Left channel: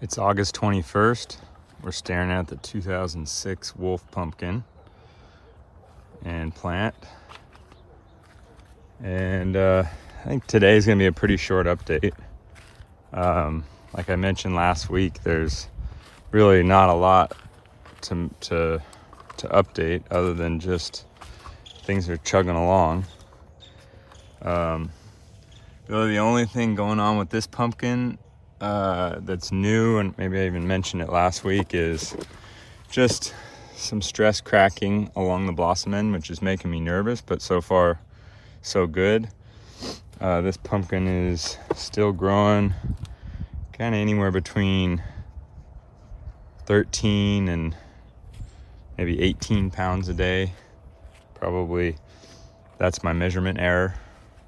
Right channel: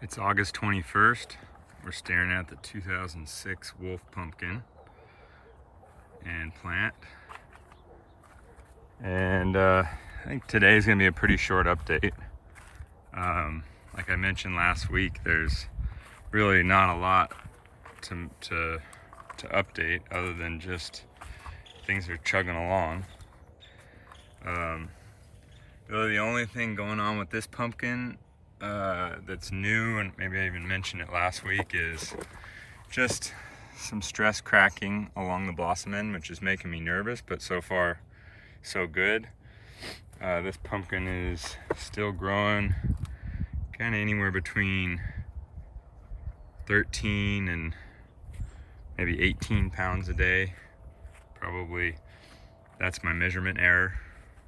It's August 21st. We're staring at the 2006 Wolf pumpkin and plant. And I think today's gonna be a pretty short update. Like I mentioned last week, there's really not a lot to update other than just things are chugging along. Really the only thing going on with this pumpkin that's new, and maybe I even mentioned it last week, is just some stress cracking along the blossom end, which is making me nervous, but so far so good. This pumpkin is still growing kind of anywhere between 13 and maybe 18 pounds a day. Probably that's my measurement error,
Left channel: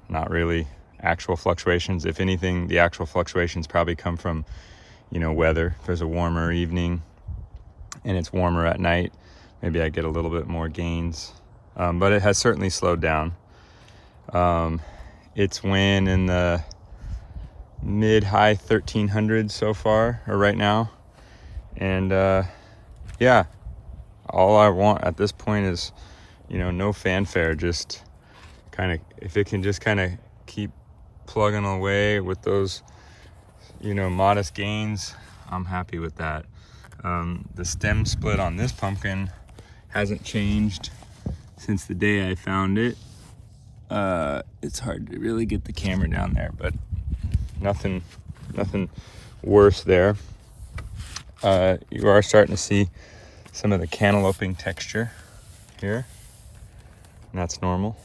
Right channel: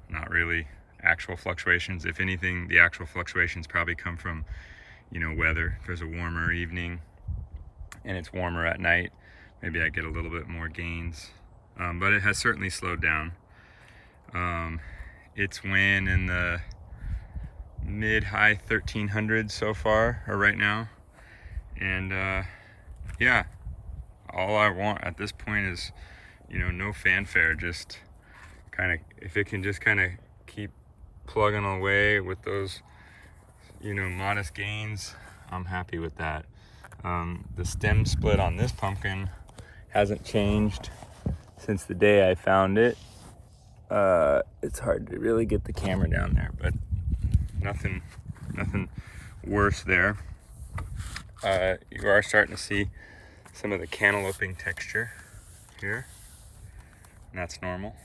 not really actual fluctuations. If anything, the actual fluctuations probably come from, weather. If there's a warmer evening and it's warmer at night, maybe I get a little bit more gains. But it has certainly slowed down. It's weighing in the mid-high 1300s so far, or right now. And yeah, all I want at this point is, no fanfare, just kind of, if it can just kind of keep plugging away with those, modest gains, I'm happy with that. The stem split on this pumpkin hasn't changed since the day I found it. It's hard to really get the camera down there, but nothing worse there. You are starting to see some of the cantalouping texture here, and that's normal.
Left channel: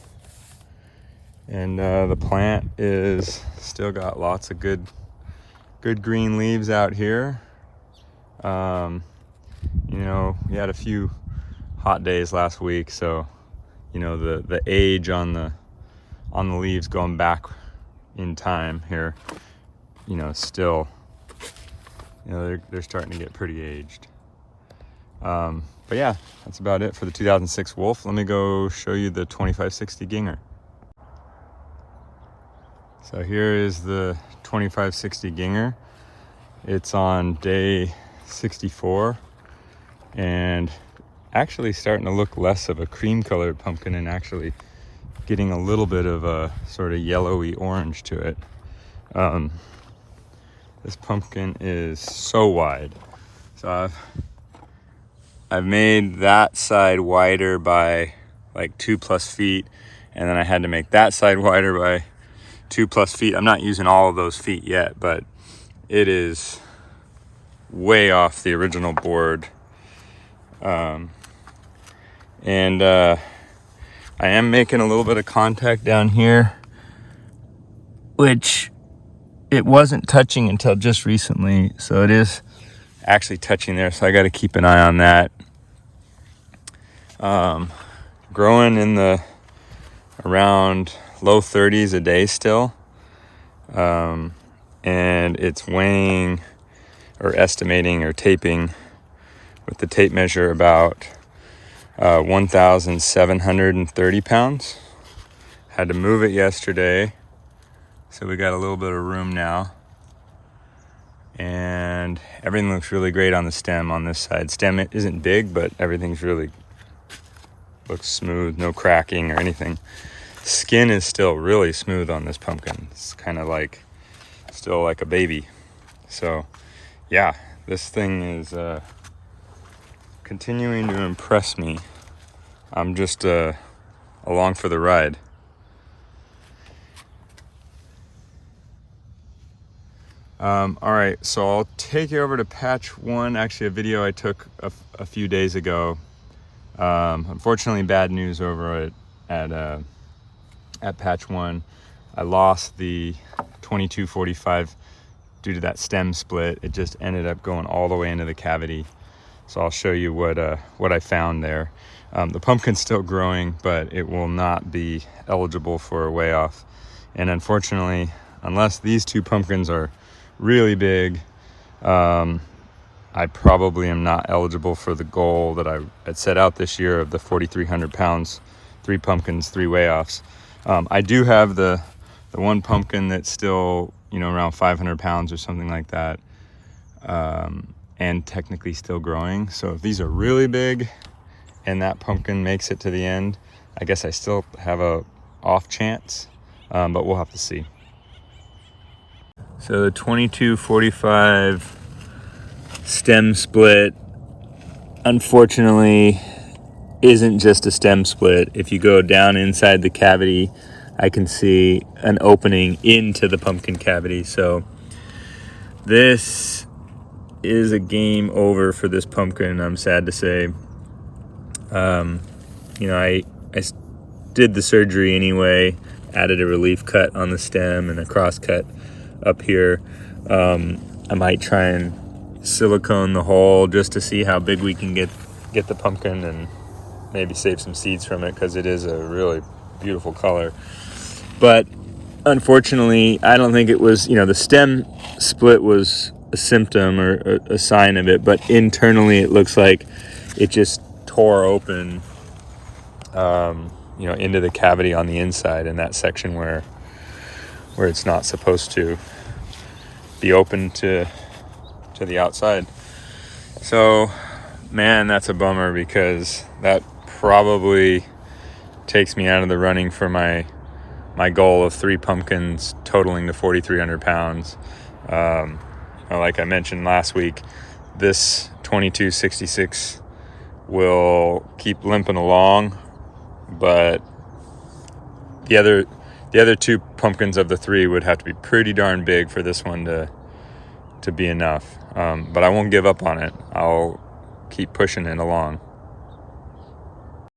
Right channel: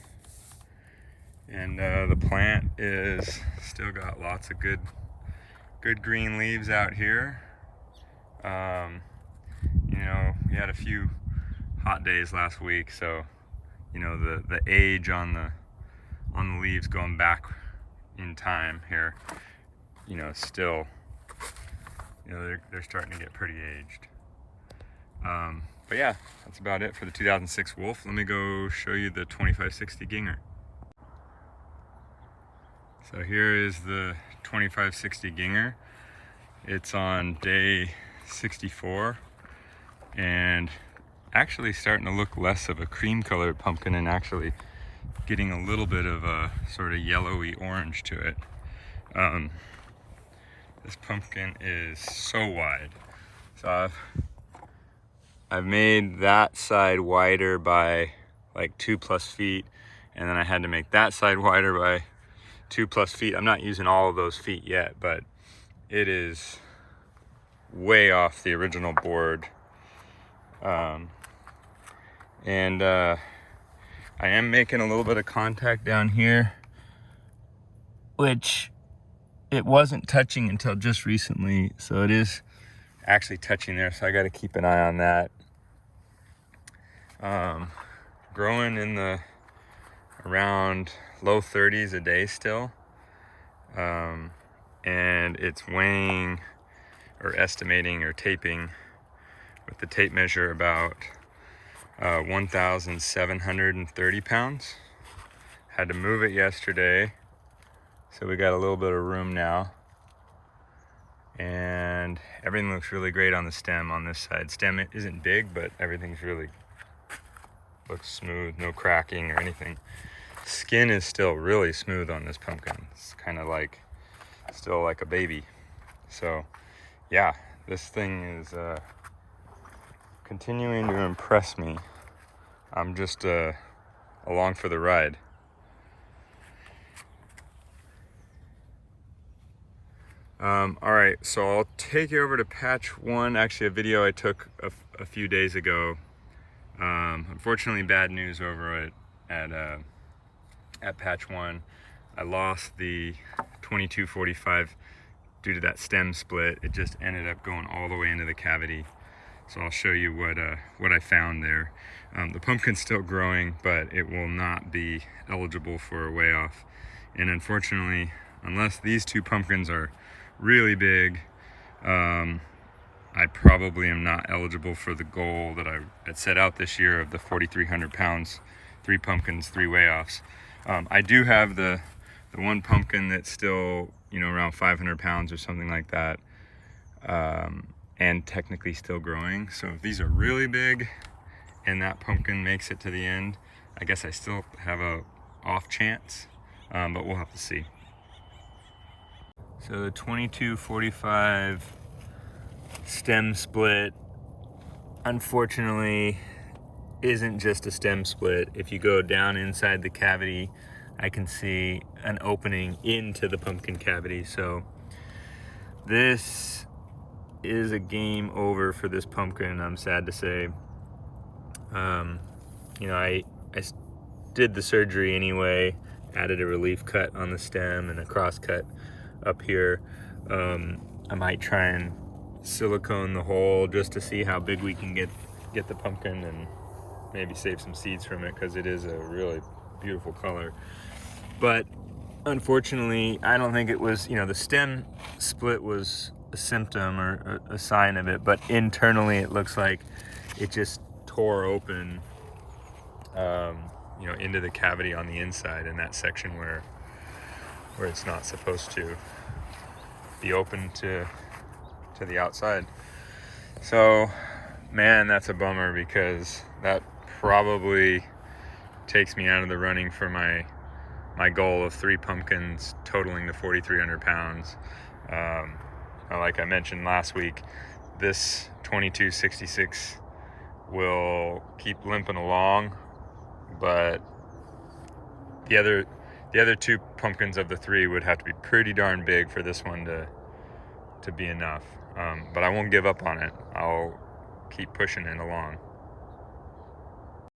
And the plant is still got lots of good green leaves out here. We had a few hot days last week, so the age on the leaves going back in time here, still, they're starting to get pretty aged. But yeah, that's about it for the 2006 Wolf. Let me go show you the 2560 Ginger. So here is the 2560 Ginger. It's on day 64 and actually starting to look less of a cream colored pumpkin and actually getting a little bit of a sort of yellowy orange to it. This pumpkin is so wide. So I've made that side wider by like 2+ feet, and then I had to make that side wider by 2+ feet. I'm not using all of those feet yet, but it is way off the original board. And I am making a little bit of contact down here, which it wasn't touching until just recently, so it is actually touching there, so I got to keep an eye on that. Growing in the around low 30s a day still, and it's weighing or estimating or taping with the tape measure about 1,730 pounds. Had to move it yesterday, so we got a little bit of room now, and everything looks really great on the stem on this side. Stem isn't big, but everything's really looks smooth, no cracking or anything. Skin is still really smooth on this pumpkin. It's kind of like still like a baby. So yeah, this thing is continuing to impress me. I'm just along for the ride. All right, so I'll take you over to patch one. Actually, a video I took a few days ago. Unfortunately, bad news over at patch one. I lost the 2245 due to that stem split. It just ended up going all the way into the cavity. So I'll show you what I found there. The pumpkin's still growing, but it will not be eligible for a weigh off. And unfortunately, unless these two pumpkins are really big, I probably am not eligible for the goal that I had set out this year of the 4,300 pounds, 3 pumpkins, 3 weigh offs. I do have the one pumpkin that's still, around 500 pounds or something like that. and technically still growing. So if these are really big and that pumpkin makes it to the end, I guess I still have a off chance, but we'll have to see. So the 2245 stem split, unfortunately, isn't just a stem split. If you go down inside the cavity, I can see an opening into the pumpkin cavity. So this is a game over for this pumpkin, I'm sad to say. I did the surgery anyway, added a relief cut on the stem and a cross cut up here. I might try and silicone the hole just to see how big we can get the pumpkin and maybe save some seeds from it, because it is a really beautiful color. But unfortunately, I don't think it was, the stem split was a symptom or a sign of it, but internally it looks like it just tore open, into the cavity on the inside, in that section where it's not supposed to be open to the outside. So, man, that's a bummer, because that probably takes me out of the running for my goal of 3 pumpkins totaling to 4,300 pounds. Like I mentioned last week, this 2266 will keep limping along, but the other 2 pumpkins of the 3 would have to be pretty darn big for this one to be enough. But I won't give up on it. I'll keep pushing it along.